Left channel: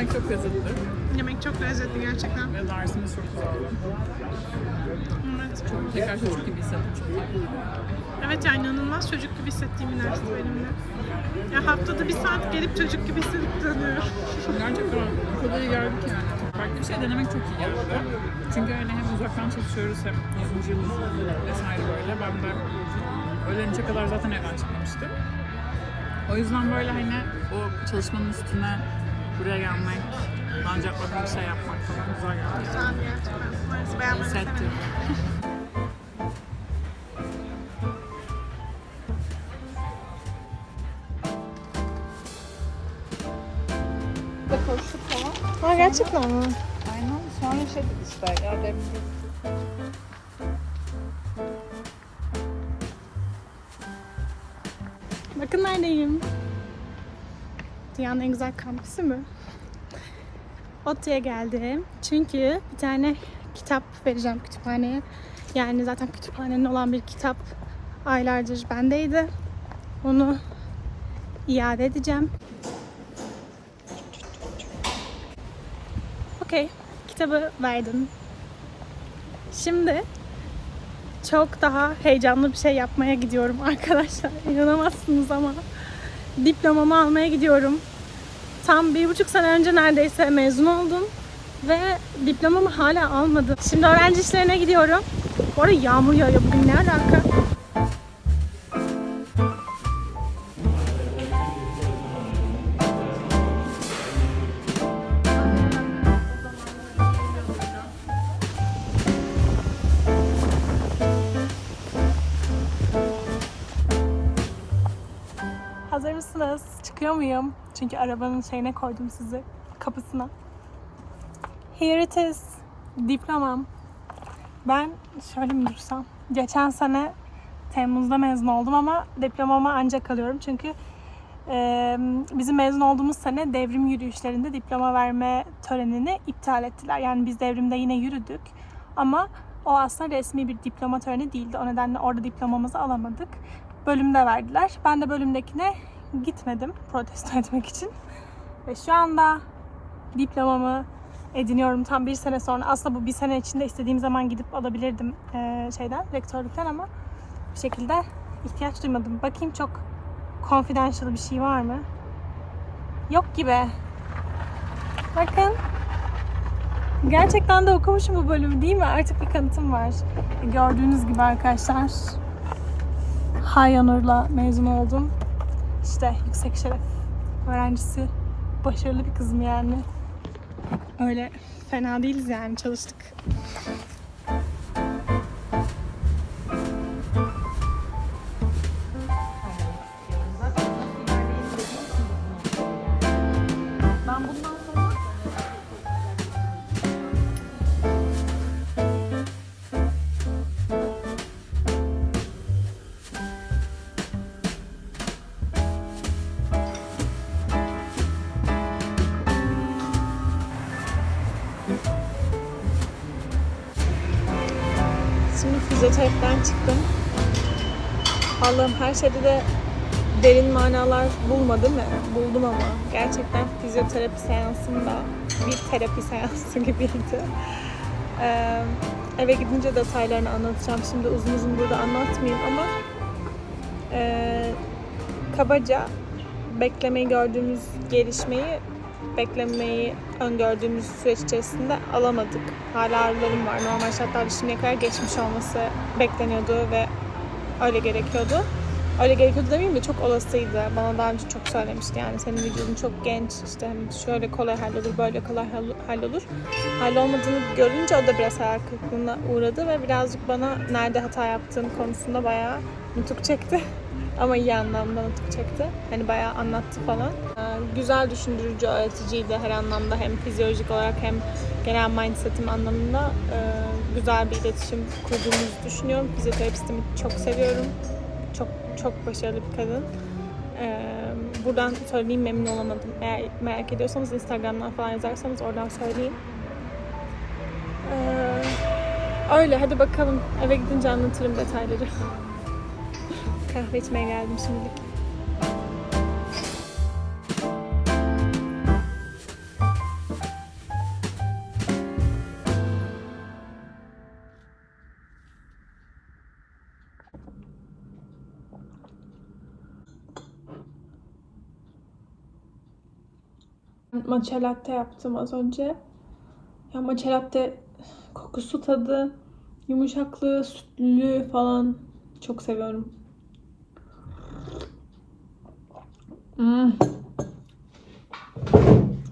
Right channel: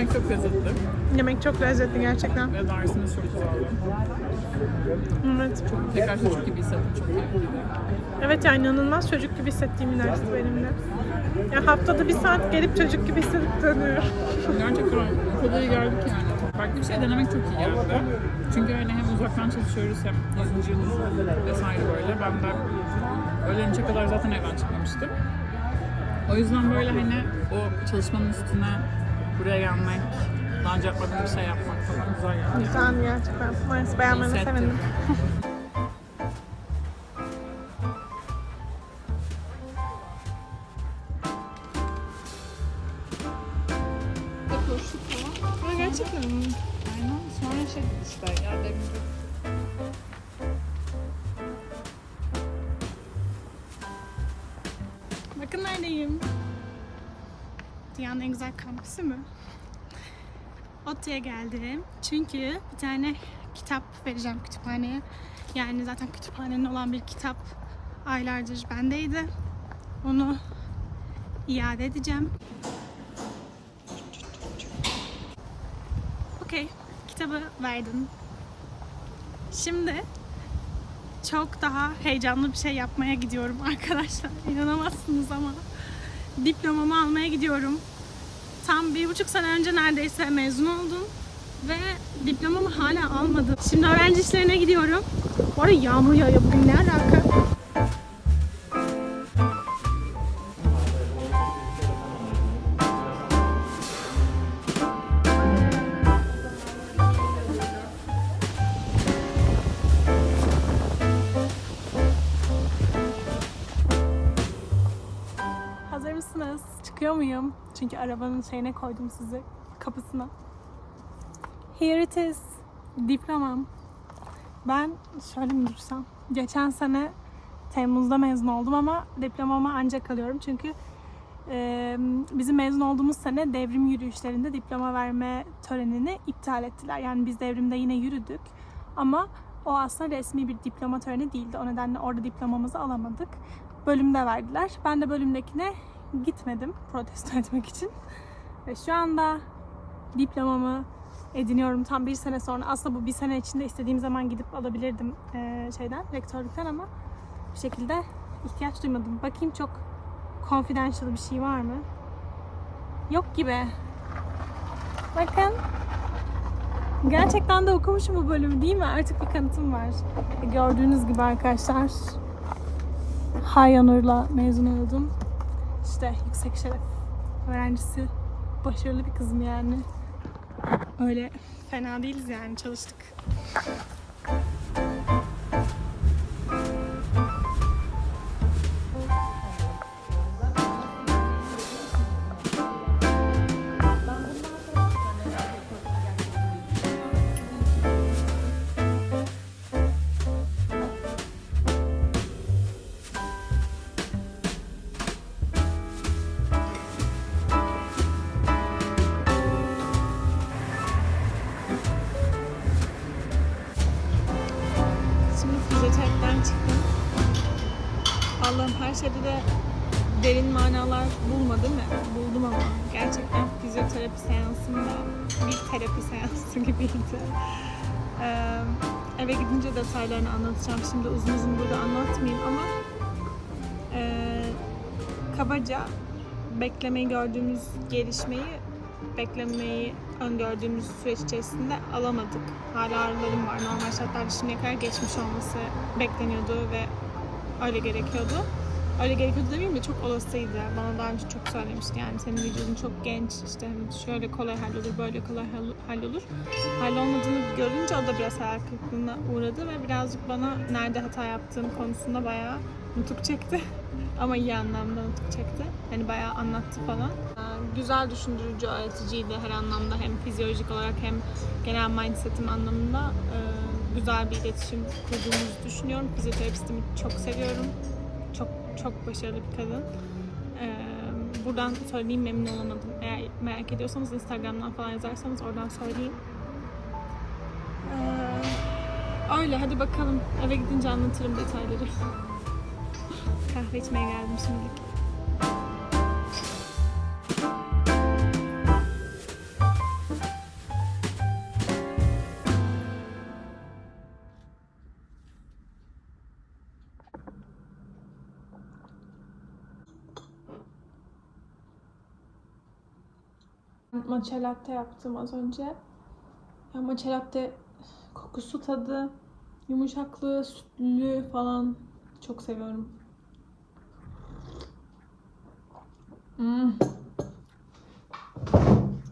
Yemek çok lezzetli Yemek çok lezzetli gerçekten. ve dersimiz çok güzeldi. Evet. Tekrar çocuk gibi hissettim çok iyi. Evet yani inanılmaz çocuk gibi hissettiğim bir dersti benim de. Ya haftada bir saat gelip çocuk gibi hissedip dönüyorum. Gerçekten o kadar iyi geldik yani. Farklı bir şey denemek çok iyi geldi. Çünkü hani hem uzaktan çalışıyoruz hem 100. yıl vesaire böyle. Ben de öğlen üçe kadar zaten evden çıkmamıştım. O yüzden böyle hani o çalışmanın üstüne buraya gelmek, daha önce yapmadığım bir şey yapmak falan güzel geldi. Güzel gerçekten. Neyse beğenmene Hissettim. sevindim. Bakın şu falan. Ha gerçekten mi? Aynen sonra yaşadık işte ya demin Dünyanın en güzel kampüsü mü? ODTÜ'ye geldim. Çünkü bir tane kitap vereceğim kütüphaneye. Yani zaten kütüphanenin olan bir kitap aylardır bendeydi. Onu iade edeceğim. Okey. Kitabı verdim. Şimdi çok daha heyecanlı bir şey yapmaya gidiyorum arkadaşlar. İnanamazsınız ama diplomamı almaya gidiyorum. Tam bir buçuk sene önce neredeyse mezun oldum ve diplomamı hala almadım. Şimdi öğrenci işlerine gidiyorum. Bu arada yağmur yağıyor bugün ne alaka? Muyum? Çünkü arabanın şeyine koydum sizi. Kapısına. Here it is. Diplomam. Ben şöyle mi dursam? Geçen sene Temmuz'da mezun oldum ama diplomama ancak alıyorum. Çünkü e, bizim mezun olduğumuz sene devrim yürüyüşlerinde diploma verme törenini iptal ettiler. Yani biz devrimde yine yürüdük. Ama o aslında resmi bir diploma töreni değildi. O nedenle orada diplomamızı alamadık bölümde verdiler. Ben de bölümdekine gitmedim protesto etmek için. Ve şu anda diplomamı ediniyorum tam bir sene sonra. Aslında bu bir sene içinde istediğim zaman gidip alabilirdim eee, şeyden, rektörlükten ama bir şekilde ihtiyaç duymadım. Bakayım çok confidential bir şey var mı? Yok gibi. Bakın. Gerçekten de okumuşum bu bölümü değil mi? Artık bir kanıtım var. Gördüğünüz gibi arkadaşlar. Hayanur'la mezun oldum. İşte yüksek şeref öğrencisi. Başarılı bir kızım yani. Öyle fena değiliz yani çalıştık. Fizyoterapiden çıktım. Allah'ım her şeyde de derin manalar bulma değil mi? Buldum ama. Gerçekten fizyoterapi seansında bir terapi seansı gibiydi. Ee, eve gidince detaylarını anlatacağım. Şimdi uzun uzun burada anlatmayayım ama ee, kabaca beklemeyi gördüğümüz gelişmeyi beklemeyi öngördüğümüz süreç içerisinde alamadık. Hala ağrılarım var. Normal şartlarda şimdiye kadar geçmiş olması bekleniyordu ve öyle gerekiyordu. Öyle gerekiyordu demeyeyim de çok olasıydı. Bana daha önce çok söylemişti yani senin vücudun çok genç işte şöyle kolay hallolur böyle kolay hall- hallolur. Hallolmadığını görünce o da biraz hayal kırıklığına uğradı ve birazcık bana nerede hata yaptığım konusunda bayağı nutuk çekti. Ama iyi anlamda nutuk çekti. Hani bayağı anlattı falan. Ee, Güzel düşündürücü, öğreticiydi her anlamda. Hem fizyolojik olarak hem genel mindsetim anlamında e, güzel bir iletişim kurduğumuzu düşünüyorum. Fizyoterapistimi çok seviyorum. Çok çok başarılı bir kadın. Ee, buradan söyleyeyim memnun olamadım. Eğer merak ediyorsanız Instagram'dan falan yazarsanız oradan söyleyeyim. Ee, öyle hadi bakalım. Eve gidince anlatırım detayları. Kahve içmeye geldim şimdilik. Matcha latte yaptım az önce. Ya matcha latte kokusu tadı, yumuşaklığı, sütlü falan çok seviyorum. Hmm.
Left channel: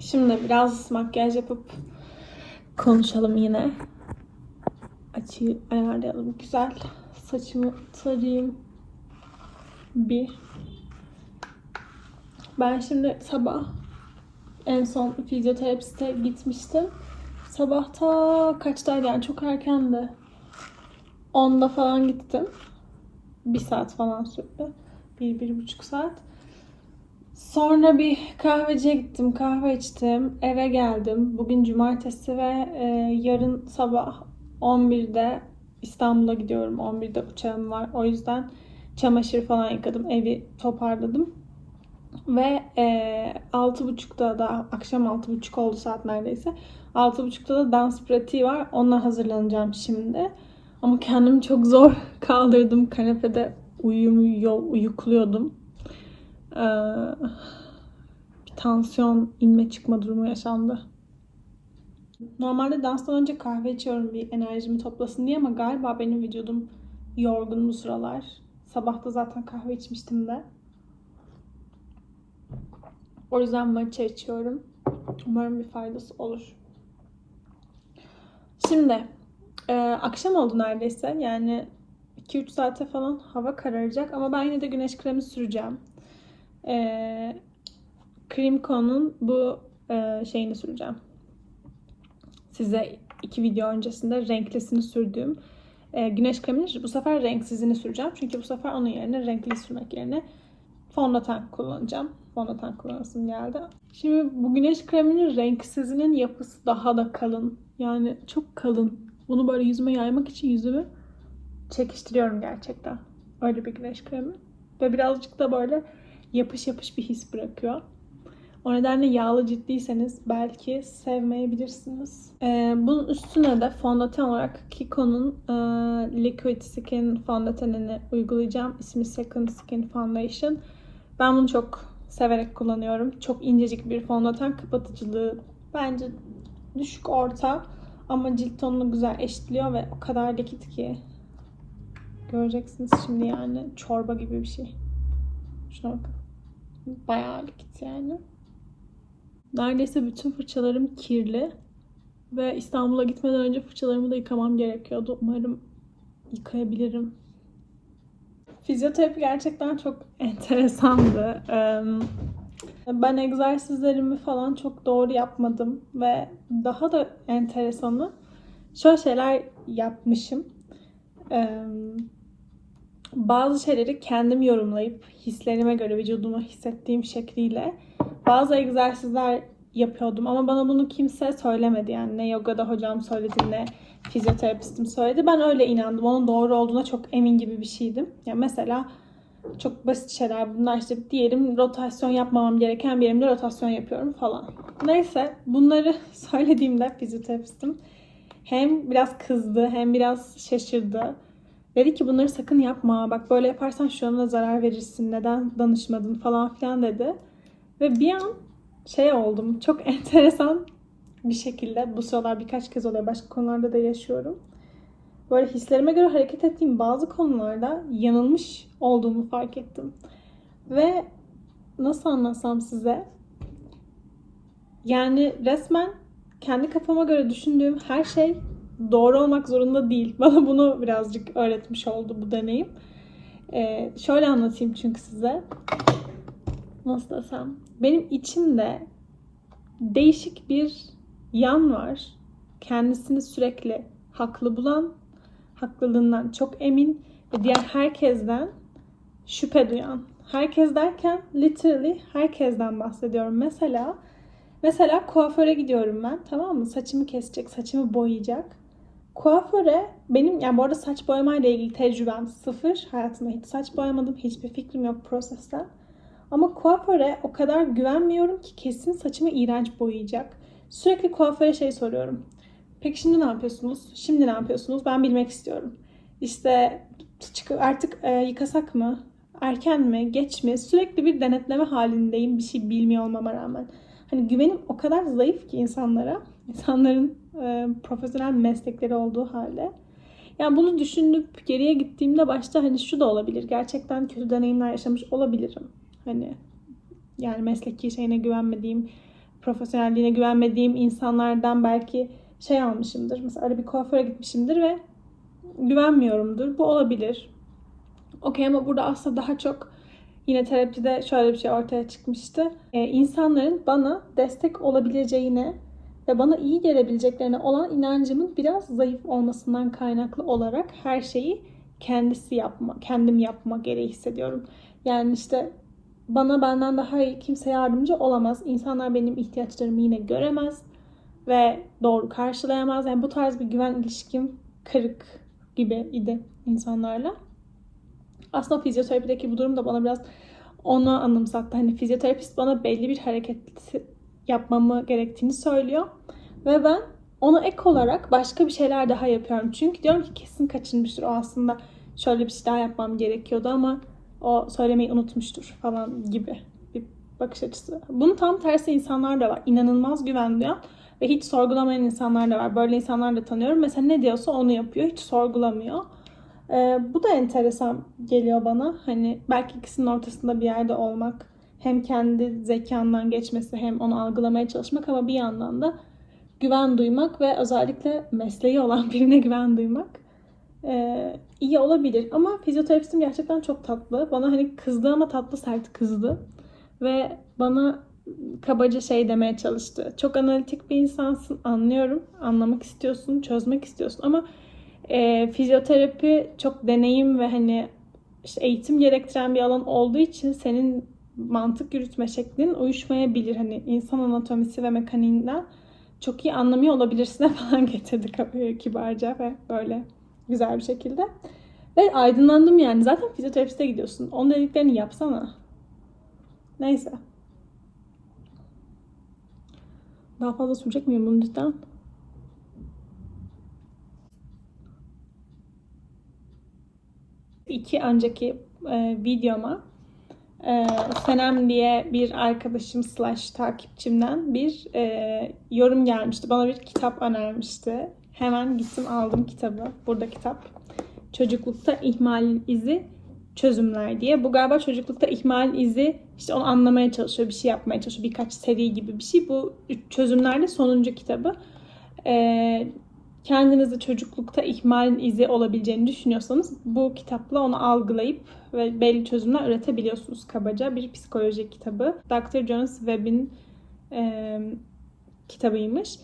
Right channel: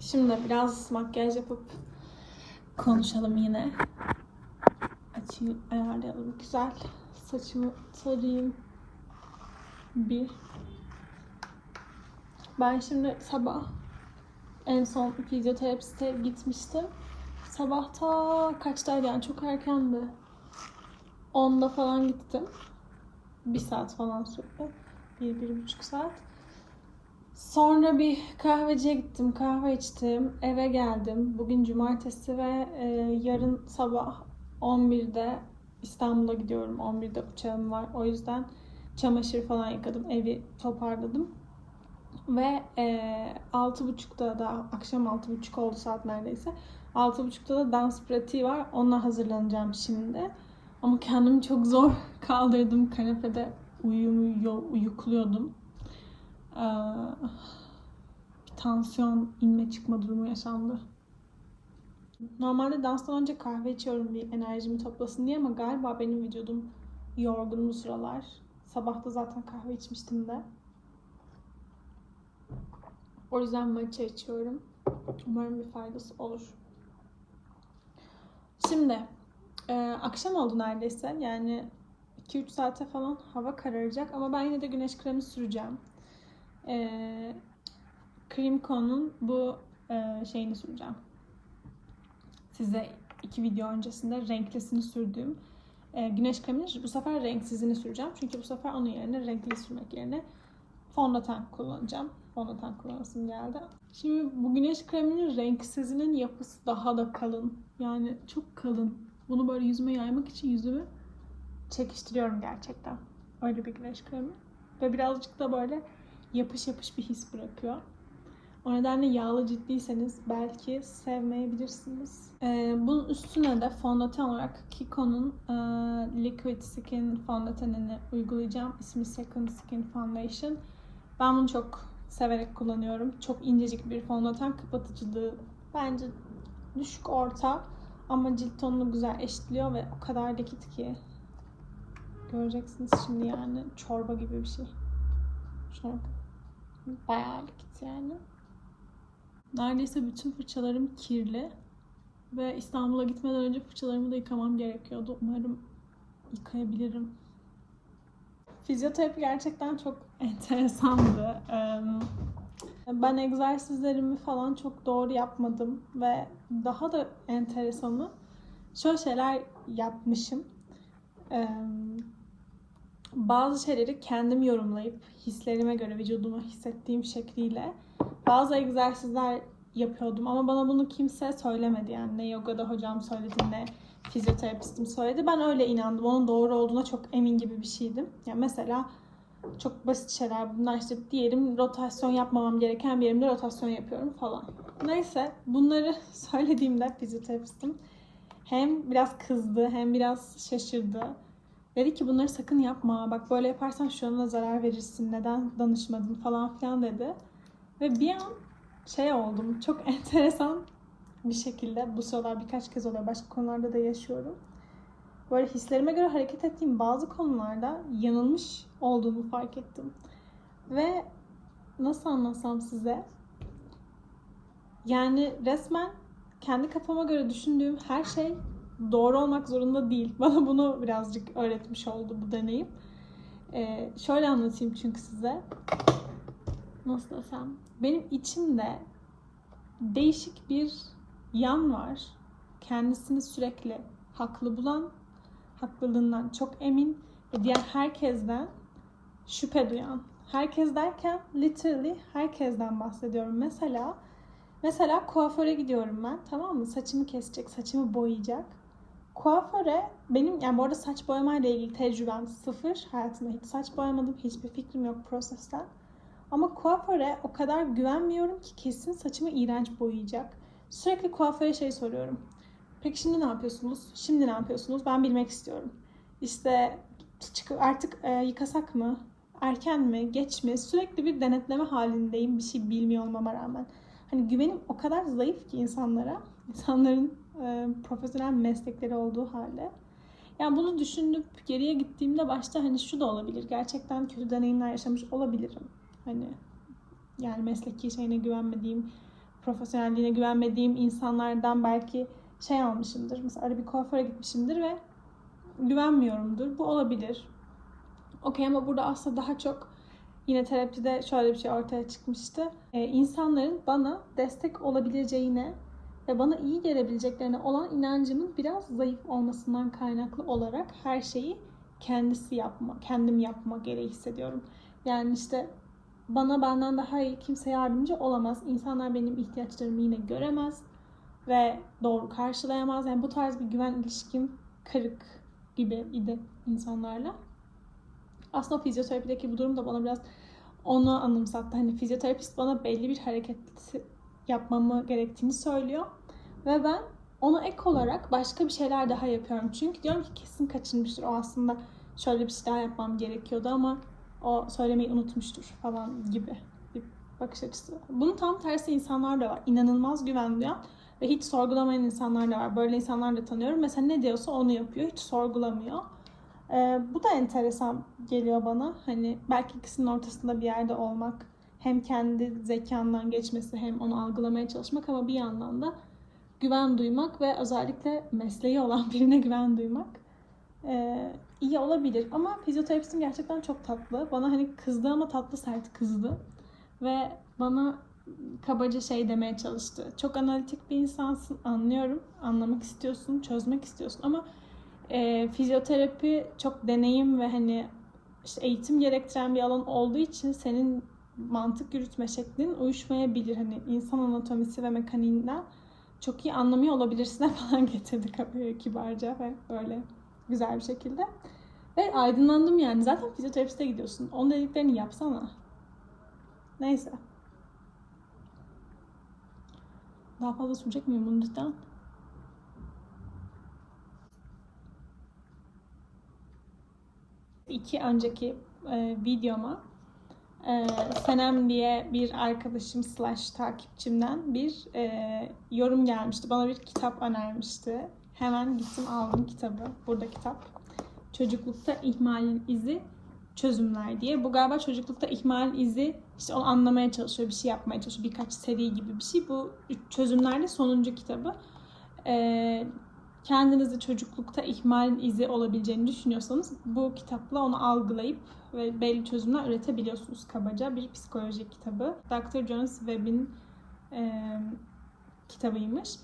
Şimdi biraz makyaj yapıp konuşalım yine. Açıyı ayarlayalım güzel. Saçımı tarayayım. Bir. Ben şimdi sabah en son fizyoterapiste gitmiştim. Sabah ta kaçtaydı yani çok erkendi. 10'da falan gittim. Bir saat falan sürdü. Bir, bir buçuk saat. Sonra bir kahveciye gittim, kahve içtim, eve geldim. Bugün cumartesi ve e, yarın sabah 11'de İstanbul'a gidiyorum. 11'de uçağım var. O yüzden çamaşır falan yıkadım, evi toparladım. Ve e, 6.30'da da akşam 6.30 oldu saat neredeyse. 6.30'da da dans pratiği var. Onunla hazırlanacağım şimdi. Ama kendimi çok zor kaldırdım. Kanepede uyumuyor, uyukluyordum. Ee, bir tansiyon inme çıkma durumu yaşandı. Normalde danstan önce kahve içiyorum bir enerjimi toplasın diye ama galiba benim vücudum yorgun bu sıralar. Sabah da zaten kahve içmiştim de. O yüzden matcha içiyorum. Umarım bir faydası olur. Şimdi e, akşam oldu neredeyse. Yani 2-3 saate falan hava kararacak ama ben yine de güneş kremi süreceğim. E, Creamco'nun bu e, şeyini süreceğim. Size iki video öncesinde renklisini sürdüğüm e, güneş kremini bu sefer renksizini süreceğim. Çünkü bu sefer onun yerine renkli sürmek yerine fondöten kullanacağım. Fondöten kullanasım geldi. Şimdi bu güneş kreminin renksizinin yapısı daha da kalın. Yani çok kalın. Bunu böyle yüzüme yaymak için yüzümü çekiştiriyorum gerçekten. Öyle bir güneş kremi. Ve birazcık da böyle yapış yapış bir his bırakıyor. O nedenle yağlı ciddiyseniz belki sevmeyebilirsiniz. Ee, bunun üstüne de fondöten olarak Kiko'nun e, Liquid Skin fondötenini uygulayacağım. İsmi Second Skin Foundation. Ben bunu çok severek kullanıyorum. Çok incecik bir fondöten kapatıcılığı bence düşük orta ama cilt tonunu güzel eşitliyor ve o kadar likit ki göreceksiniz şimdi yani çorba gibi bir şey. Şuna bakın. Bayağı likit yani. Neredeyse bütün fırçalarım kirli. Ve İstanbul'a gitmeden önce fırçalarımı da yıkamam gerekiyordu. Umarım yıkayabilirim. Fizyoterapi gerçekten çok enteresandı. Ben egzersizlerimi falan çok doğru yapmadım ve daha da enteresanı şöyle şeyler yapmışım. Bazı şeyleri kendim yorumlayıp hislerime göre vücuduma hissettiğim şekliyle bazı egzersizler yapıyordum ama bana bunu kimse söylemedi yani ne yogada hocam söyledi ne fizyoterapistim söyledi. Ben öyle inandım. Onun doğru olduğuna çok emin gibi bir şeydim. Ya mesela çok basit şeyler bunlar işte diyelim rotasyon yapmamam gereken bir yerimde rotasyon yapıyorum falan. Neyse bunları söylediğimde fizyoterapistim hem biraz kızdı hem biraz şaşırdı. Dedi ki bunları sakın yapma. Bak böyle yaparsan şu anda zarar verirsin. Neden danışmadın falan filan dedi. Ve bir an şey oldum. Çok enteresan bir şekilde bu sıralar birkaç kez oluyor. Başka konularda da yaşıyorum. Böyle hislerime göre hareket ettiğim bazı konularda yanılmış olduğumu fark ettim. Ve nasıl anlatsam size? Yani resmen kendi kafama göre düşündüğüm her şey doğru olmak zorunda değil. Bana bunu birazcık öğretmiş oldu bu deneyim. Ee, şöyle anlatayım çünkü size. Nasıl desem? Benim içimde değişik bir yan var. Kendisini sürekli haklı bulan, haklılığından çok emin ve diğer herkesten şüphe duyan. Herkes derken literally herkesten bahsediyorum. Mesela mesela kuaföre gidiyorum ben tamam mı? Saçımı kesecek, saçımı boyayacak. Kuaföre benim yani bu arada saç boyamayla ilgili tecrübem sıfır. Hayatımda hiç saç boyamadım. Hiçbir fikrim yok prosesten. Ama kuaföre o kadar güvenmiyorum ki kesin saçımı iğrenç boyayacak. Sürekli kuaföre şey soruyorum. Peki şimdi ne yapıyorsunuz? Şimdi ne yapıyorsunuz? Ben bilmek istiyorum. İşte artık e, yıkasak mı? Erken mi? Geç mi? Sürekli bir denetleme halindeyim bir şey bilmiyor olmama rağmen. Hani güvenim o kadar zayıf ki insanlara. insanların e, profesyonel meslekleri olduğu halde. Yani bunu düşünüp geriye gittiğimde başta hani şu da olabilir. Gerçekten kötü deneyimler yaşamış olabilirim. Hani yani mesleki şeyine güvenmediğim, profesyonelliğine güvenmediğim insanlardan belki şey almışımdır. Mesela öyle bir kuaföre gitmişimdir ve güvenmiyorumdur. Bu olabilir. Okey ama burada aslında daha çok yine terapide şöyle bir şey ortaya çıkmıştı. Ee, insanların bana destek olabileceğine ve bana iyi gelebileceklerine olan inancımın biraz zayıf olmasından kaynaklı olarak her şeyi kendisi yapma, kendim yapma gereği hissediyorum. Yani işte bana benden daha iyi kimse yardımcı olamaz. İnsanlar benim ihtiyaçlarımı yine göremez ve doğru karşılayamaz. Yani bu tarz bir güven ilişkim kırık gibi idi insanlarla. Aslında fizyoterapideki bu durum da bana biraz onu anımsattı. Hani fizyoterapist bana belli bir hareket yapmamı gerektiğini söylüyor. Ve ben ona ek olarak başka bir şeyler daha yapıyorum. Çünkü diyorum ki kesin kaçınmıştır. O aslında şöyle bir şey daha yapmam gerekiyordu ama o söylemeyi unutmuştur falan gibi bir bakış açısı. Bunun tam tersi insanlar da var. İnanılmaz güven duyan ve hiç sorgulamayan insanlar da var. Böyle insanlar da tanıyorum. Mesela ne diyorsa onu yapıyor. Hiç sorgulamıyor. Ee, bu da enteresan geliyor bana. Hani belki ikisinin ortasında bir yerde olmak. Hem kendi zekandan geçmesi hem onu algılamaya çalışmak ama bir yandan da güven duymak ve özellikle mesleği olan birine güven duymak ee, iyi olabilir. Ama fizyoterapistim gerçekten çok tatlı. Bana hani kızdı ama tatlı sert kızdı. Ve bana kabaca şey demeye çalıştı. Çok analitik bir insansın anlıyorum. Anlamak istiyorsun, çözmek istiyorsun ama e, fizyoterapi çok deneyim ve hani işte eğitim gerektiren bir alan olduğu için senin mantık yürütme şeklin uyuşmayabilir. Hani insan anatomisi ve mekaniğinden çok iyi anlamıyor olabilirsin falan getirdi kibarca ve böyle güzel bir şekilde. Ve aydınlandım yani. Zaten fizyoterapiste gidiyorsun. Onun dediklerini yapsana. Neyse. Daha fazla sürecek miyim bunu cidden? İki önceki e, videoma e, Senem diye bir arkadaşım slash takipçimden bir e, yorum gelmişti. Bana bir kitap önermişti. Hemen gittim aldım kitabı. Burada kitap. Çocuklukta ihmal izi çözümler diye. Bu galiba çocuklukta ihmal izi işte onu anlamaya çalışıyor, bir şey yapmaya çalışıyor. Birkaç seri gibi bir şey. Bu çözümlerde sonuncu kitabı. Ee, kendinizi çocuklukta ihmalin izi olabileceğini düşünüyorsanız bu kitapla onu algılayıp ve belli çözümler üretebiliyorsunuz kabaca. Bir psikoloji kitabı. Dr. Jonas Webb'in e, kitabıymış.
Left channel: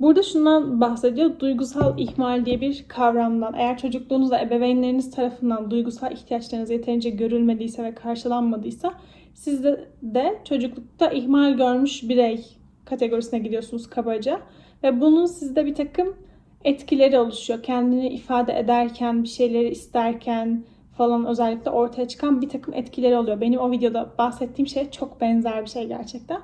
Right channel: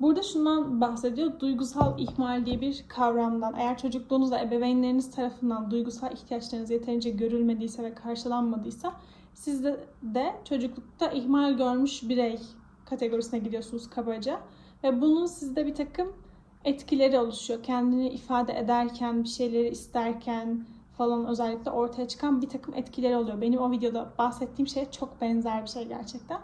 Burada şundan bahsediyor. Duygusal ihmal diye bir kavramdan. Eğer çocukluğunuzda ebeveynleriniz tarafından duygusal ihtiyaçlarınız yeterince görülmediyse ve karşılanmadıysa siz de, de çocuklukta ihmal görmüş birey kategorisine gidiyorsunuz kabaca. Ve bunun sizde bir takım etkileri oluşuyor. Kendini ifade ederken, bir şeyleri isterken falan özellikle ortaya çıkan bir takım etkileri oluyor. Benim o videoda bahsettiğim şeye çok benzer bir şey gerçekten.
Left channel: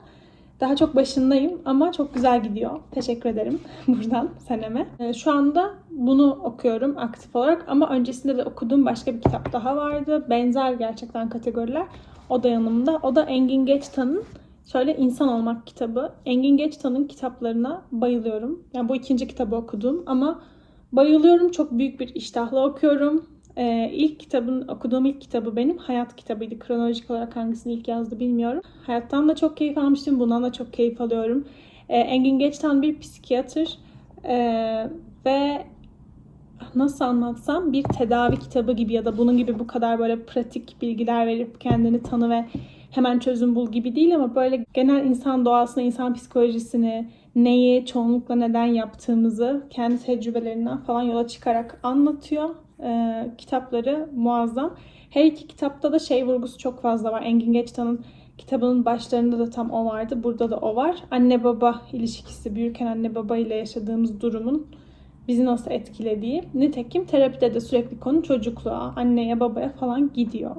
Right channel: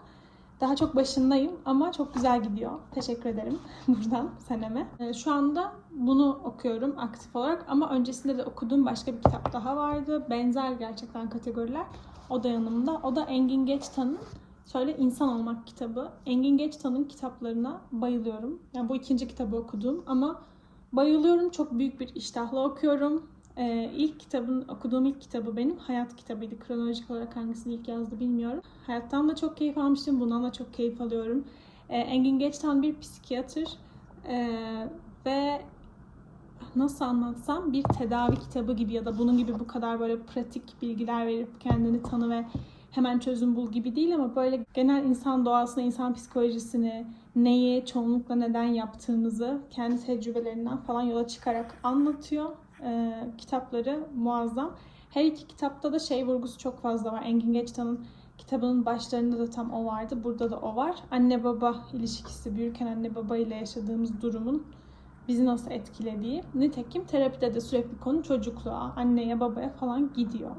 Daha çok başındayım ama çok güzel gidiyor. Teşekkür ederim buradan seneme. Ee, Şu anda bunu okuyorum aktif olarak ama öncesinde de okuduğum başka bir kitap daha vardı. Benzer gerçekten kategoriler. O da yanımda. O da Engin Geçtan'ın şöyle İnsan Olmak kitabı. Engin Geçtan'ın kitaplarına bayılıyorum. Yani bu ikinci kitabı okudum ama bayılıyorum. Çok büyük bir iştahla okuyorum. Ee, ilk kitabın, okuduğum ilk kitabı benim hayat kitabıydı. Kronolojik olarak hangisini ilk yazdı bilmiyorum. Hayattan da çok keyif almıştım. Bundan da çok keyif alıyorum. Ee, Engin Geçtan bir psikiyatr ee, ve nasıl anlatsam bir tedavi kitabı gibi ya da bunun gibi bu kadar böyle pratik bilgiler verip kendini tanı ve hemen çözüm bul gibi değil ama böyle genel insan doğasını, insan psikolojisini, neyi çoğunlukla neden yaptığımızı kendi tecrübelerinden falan yola çıkarak anlatıyor. Ee, kitapları muazzam. Her iki kitapta da şey vurgusu çok fazla var. Engin Geçtan'ın kitabının başlarında da tam o vardı. Burada da o var. Anne baba ilişkisi, büyürken anne baba ile yaşadığımız durumun bizi nasıl etkilediği. Nitekim terapide de sürekli konu çocukluğa, anneye babaya falan gidiyor.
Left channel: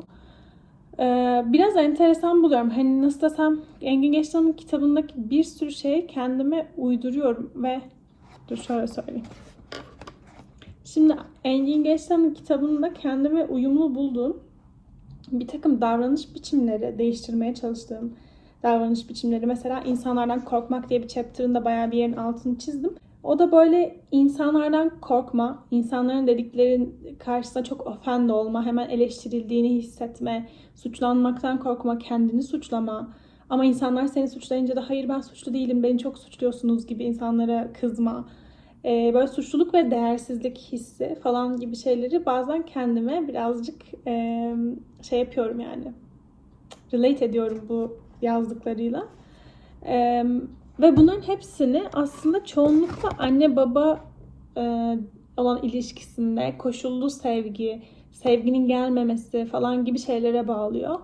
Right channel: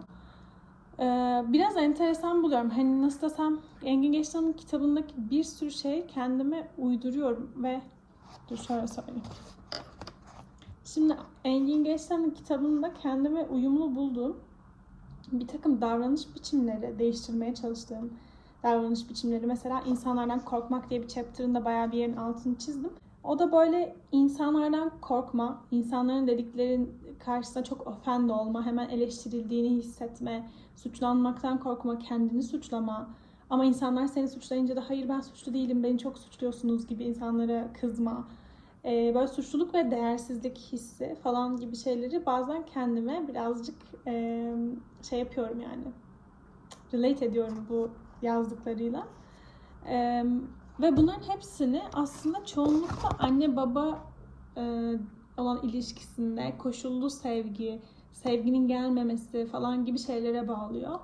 Ee, biraz enteresan buluyorum. Hani nasıl desem Engin Geçtan'ın kitabındaki bir sürü şeyi kendime uyduruyorum ve dur şöyle söyleyeyim. Şimdi Engin Geçtan'ın kitabında kendime uyumlu bulduğum bir takım davranış biçimleri değiştirmeye çalıştığım, davranış biçimleri. Mesela insanlardan korkmak diye bir chapter'ında bayağı bir yerin altını çizdim. O da böyle insanlardan korkma, insanların dediklerin karşısında çok offend olma, hemen eleştirildiğini hissetme, suçlanmaktan korkma, kendini suçlama. Ama insanlar seni suçlayınca da hayır ben suçlu değilim, beni çok suçluyorsunuz gibi insanlara kızma. Ee, böyle suçluluk ve değersizlik hissi falan gibi şeyleri bazen kendime birazcık e, şey yapıyorum yani. Relate ediyorum bu yazdıklarıyla. Ee, ve bunların hepsini aslında çoğunlukla anne baba e, olan ilişkisinde koşullu sevgi, sevginin gelmemesi falan gibi şeylere bağlıyor.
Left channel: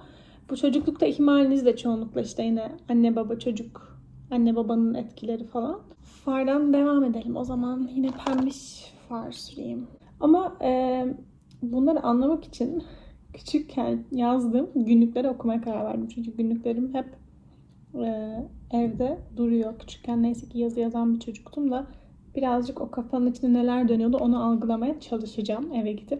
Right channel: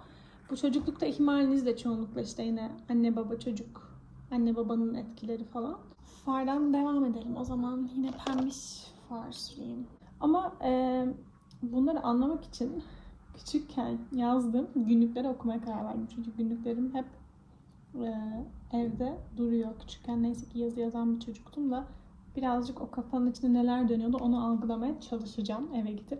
Bu çocuklukta ihmaliniz de çoğunlukla işte yine anne baba çocuk, anne babanın etkileri falan. Fardan devam edelim. O zaman yine pembiş far süreyim. Ama e, bunları anlamak için küçükken yazdığım günlükleri okumaya karar verdim. Çünkü günlüklerim hep e, evde duruyor. Küçükken neyse ki yazı yazan bir çocuktum da birazcık o kafanın içinde neler dönüyordu onu algılamaya çalışacağım eve gidip.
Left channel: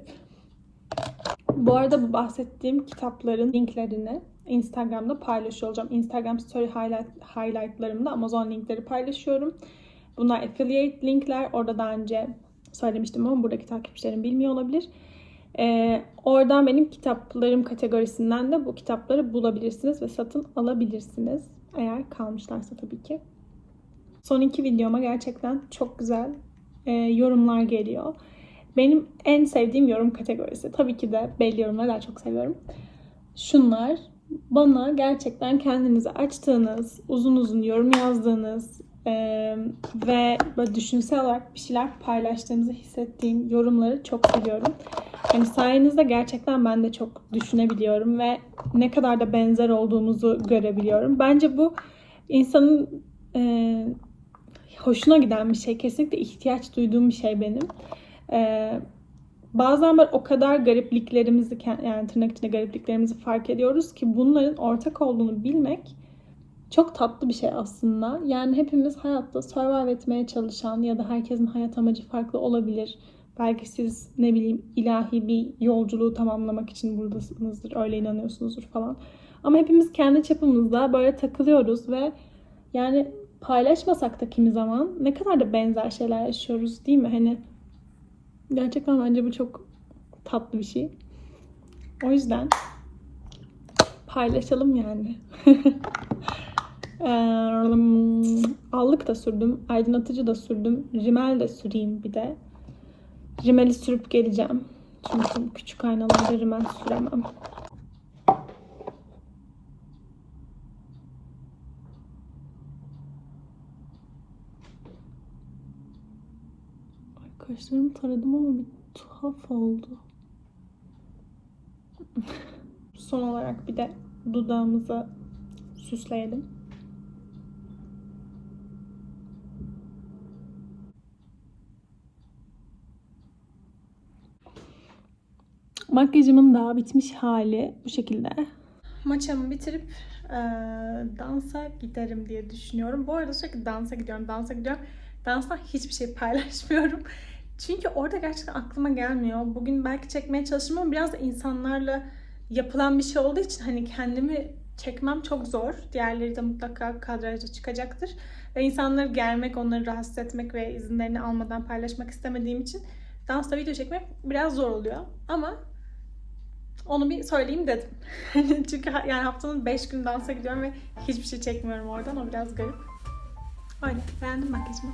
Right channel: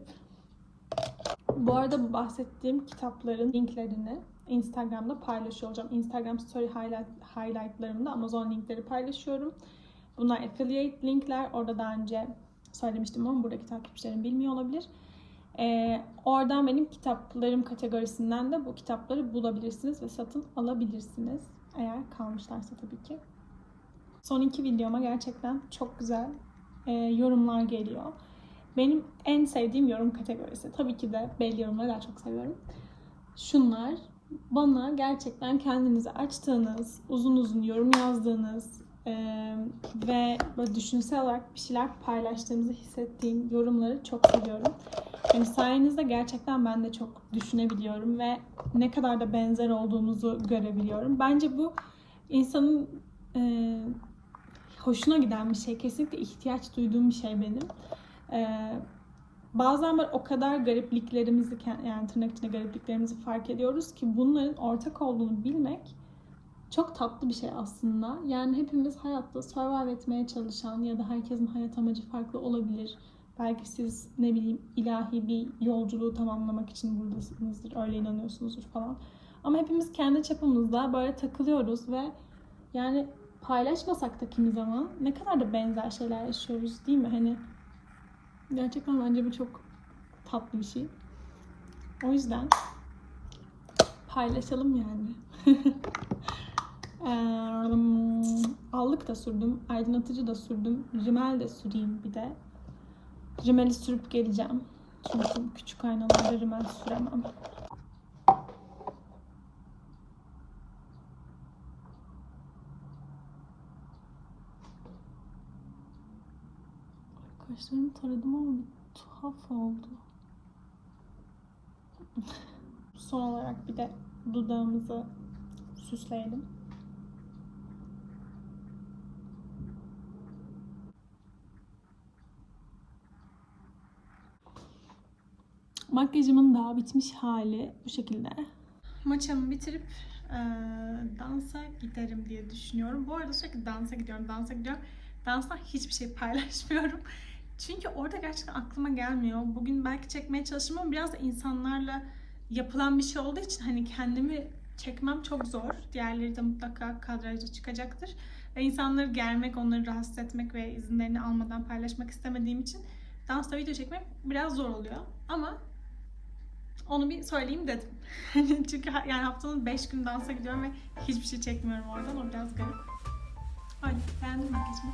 Bu arada bu bahsettiğim kitapların linklerini Instagram'da paylaşıyor olacağım. Instagram story highlight, highlightlarımda Amazon linkleri paylaşıyorum. Bunlar affiliate linkler. Orada daha önce söylemiştim ama buradaki takipçilerim bilmiyor olabilir. Ee, oradan benim kitaplarım kategorisinden de bu kitapları bulabilirsiniz ve satın alabilirsiniz. Eğer kalmışlarsa tabii ki. Son iki videoma gerçekten çok güzel e, yorumlar geliyor. Benim en sevdiğim yorum kategorisi. Tabii ki de belli yorumları daha çok seviyorum. Şunlar bana gerçekten kendinizi açtığınız, uzun uzun yorum yazdığınız e, ve böyle düşünsel olarak bir şeyler paylaştığınızı hissettiğim yorumları çok seviyorum. Hani sayenizde gerçekten ben de çok düşünebiliyorum ve ne kadar da benzer olduğumuzu görebiliyorum. Bence bu insanın e, hoşuna giden bir şey. Kesinlikle ihtiyaç duyduğum bir şey benim. E, bazen böyle o kadar garipliklerimizi yani tırnak içinde garipliklerimizi fark ediyoruz ki bunların ortak olduğunu bilmek çok tatlı bir şey aslında. Yani hepimiz hayatta survive etmeye çalışan ya da herkesin hayat amacı farklı olabilir. Belki siz ne bileyim ilahi bir yolculuğu tamamlamak için buradasınızdır, öyle inanıyorsunuzdur falan. Ama hepimiz kendi çapımızda böyle takılıyoruz ve yani paylaşmasak da kimi zaman ne kadar da benzer şeyler yaşıyoruz değil mi? Hani gerçekten bence bu çok tatlı bir şey. O yüzden paylaşalım yani. Allık da sürdüm, aydınlatıcı da sürdüm, rimel de süreyim bir de. Rimeli sürüp geleceğim. Çünkü küçük aynalarda rimel süremem. Kaşlarımı taradım ama bir tuhaf oldu. Son olarak bir de dudağımızı süsleyelim. Makyajımın daha bitmiş hali bu şekilde. Maçamı bitirip e, dansa giderim diye düşünüyorum. Bu arada sürekli dansa gidiyorum, dansa gidiyorum. Danstan hiçbir şey paylaşmıyorum. Çünkü orada gerçekten aklıma gelmiyor. Bugün belki çekmeye çalıştım ama biraz da insanlarla yapılan bir şey olduğu için hani kendimi çekmem çok zor. Diğerleri de mutlaka kadrajda çıkacaktır. Ve insanları germek, onları rahatsız etmek ve izinlerini almadan paylaşmak istemediğim için dansta video çekmek biraz zor oluyor. Ama onu bir söyleyeyim dedim. Çünkü yani haftanın 5 gün dansa gidiyorum ve hiçbir şey çekmiyorum oradan. O biraz garip. Öyle. Beğendim makyajımı.